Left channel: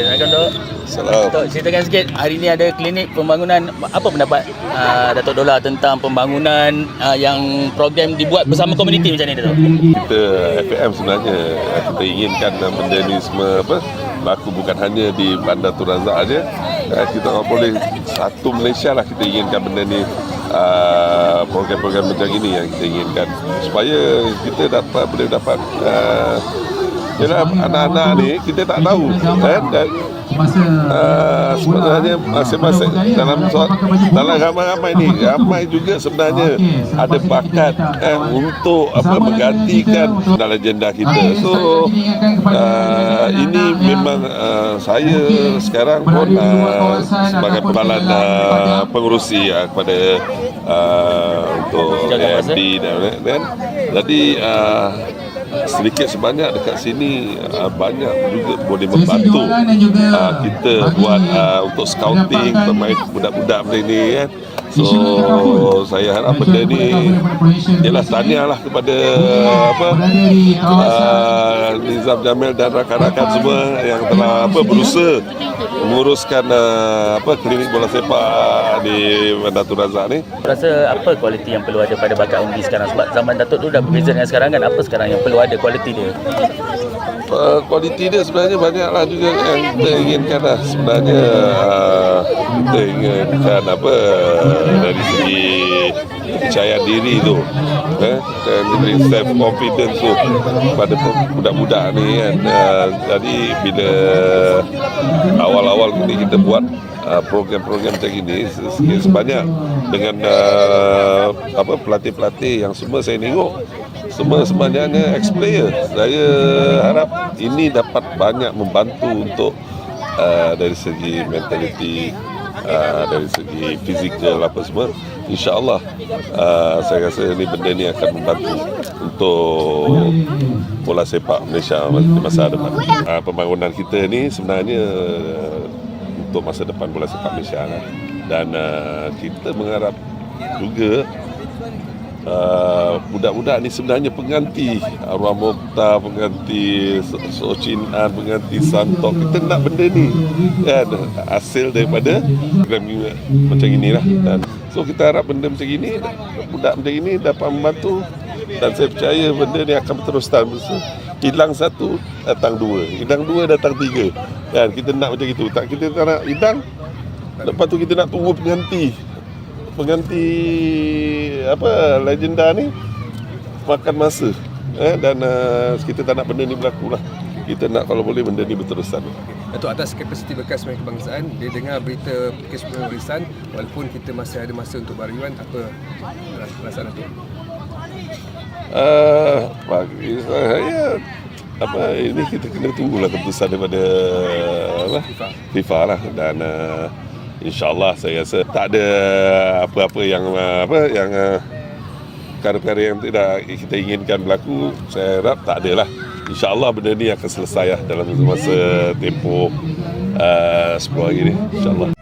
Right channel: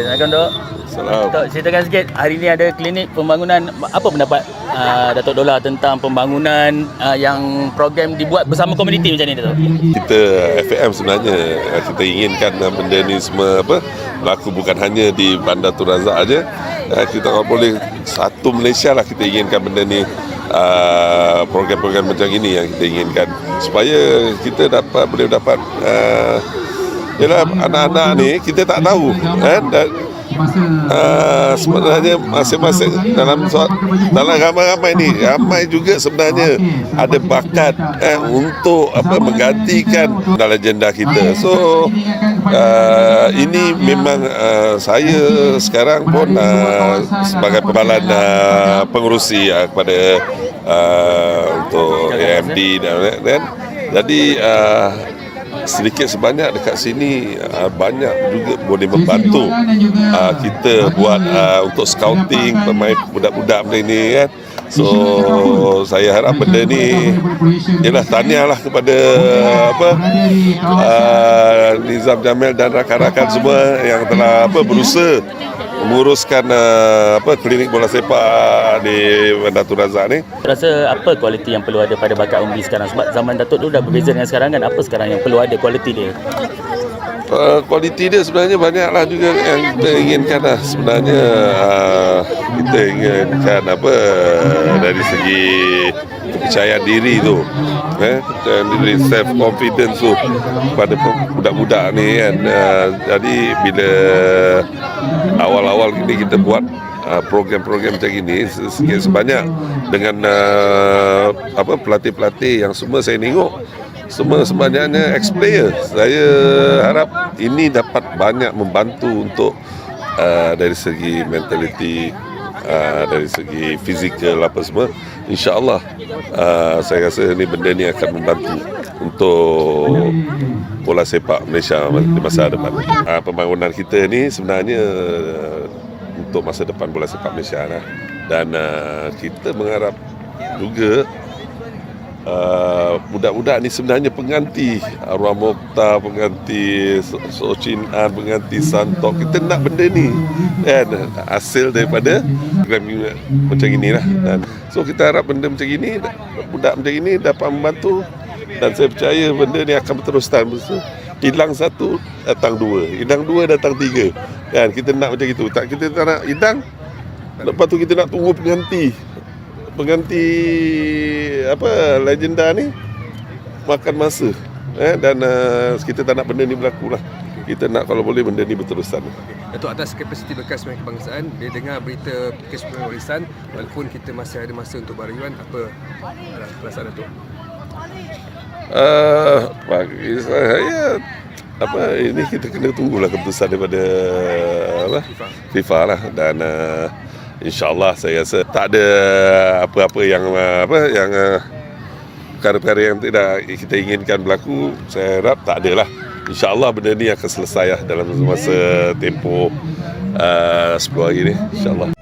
Assalamualaikum Dok. Salam. Dok, ceritakan sikit hari ni ada klinik pembangunan apa pendapat uh, Datuk Dola tentang pembangunan uh, yang program dibuat bersama komuniti macam ni Datuk? Kita FAM sebenarnya kita inginkan benda ni semua apa berlaku bukan hanya di Bandar Tun Razak aja. Eh, Kita orang boleh satu Malaysia lah kita inginkan benda ni uh, program-program macam ini yang kita inginkan supaya kita dapat boleh dapat uh, Yalah, anak-anak ni kita tak tahu kan? Dan uh, sebenarnya masing-masing dalam soal, dalam ramai-ramai ni ramai juga sebenarnya ada bakat eh, untuk apa menggantikan dalam agenda kita. So uh, ini memang uh, saya sekarang pun uh, sebagai penalan uh, pengurusi uh, kepada uh, untuk masa. AMD dan, dan jadi uh, sedikit sebanyak dekat sini uh, banyak juga boleh membantu uh, kita buat uh, untuk scouting pemain budak-budak ni kan so saya harap benda ni ialah tahniah lah kepada uh, apa uh, Nizam Jamil dan rakan-rakan semua yang telah apa berusaha menguruskan uh, apa klinik bola sepak di Bandar Tun Razak ni. Rasa apa kualiti yang perlu ada pada bacaan di sekarang? Sebab zaman Datuk tu dah berbeza dengan sekarang kan. Apa sekarang yang perlu ada kualiti dia? Uh, kualiti dia sebenarnya banyaklah juga yang kita inginkan lah. Sebenarnya uh, kita inginkan apa dari segi kepercayaan diri tu eh dan diri self confidence tu pada budak-budak ni kan uh, jadi bila awal-awal ini kita buat uh, program-program macam ini sikit sebanyak dengan uh, apa pelatih-pelatih yang semua saya tengok semua sebanyaknya ex-player. Saya harap ini dapat banyak membantu untuk uh, dari segi mentaliti, uh, dari segi fizikal apa semua. InsyaAllah uh, saya rasa ini benda ni akan membantu untuk bola sepak Malaysia di masa depan. Uh, pembangunan kita ni sebenarnya untuk masa depan bola sepak Malaysia lah. Dan kita mengharap juga Uh, budak-budak ni sebenarnya pengganti Arwah Mokhtar, pengganti So- Socin An, pengganti Santok. Kita nak benda ni kan hasil daripada program macam inilah. Dan so kita harap benda macam ini budak macam ini dapat membantu dan saya percaya benda ni akan berteruskan. So, hilang satu datang dua, hilang dua datang tiga. Kan kita nak macam itu. Tak kita tak nak hilang Lepas tu kita nak tunggu pengganti pengganti apa legenda ni makan masa eh dan uh, kita tak nak benda ni berlaku lah kita nak kalau boleh benda ni berterusan Datuk atas kapasiti bekas pemain kebangsaan dia dengar berita kesemuanya warisan walaupun kita masih ada masa untuk baryuan apa uh, perasaan Datuk? uh, bagi saya apa ini kita kena tunggulah keputusan daripada apa FIFA. FIFA lah dan uh, insyaallah saya rasa tak ada apa-apa yang uh, apa yang uh, perkara-perkara yang tidak kita inginkan berlaku saya harap tak ada lah. Insyaallah benda ni akan selesai lah dalam masa tempoh uh, 10 hari ni insyaallah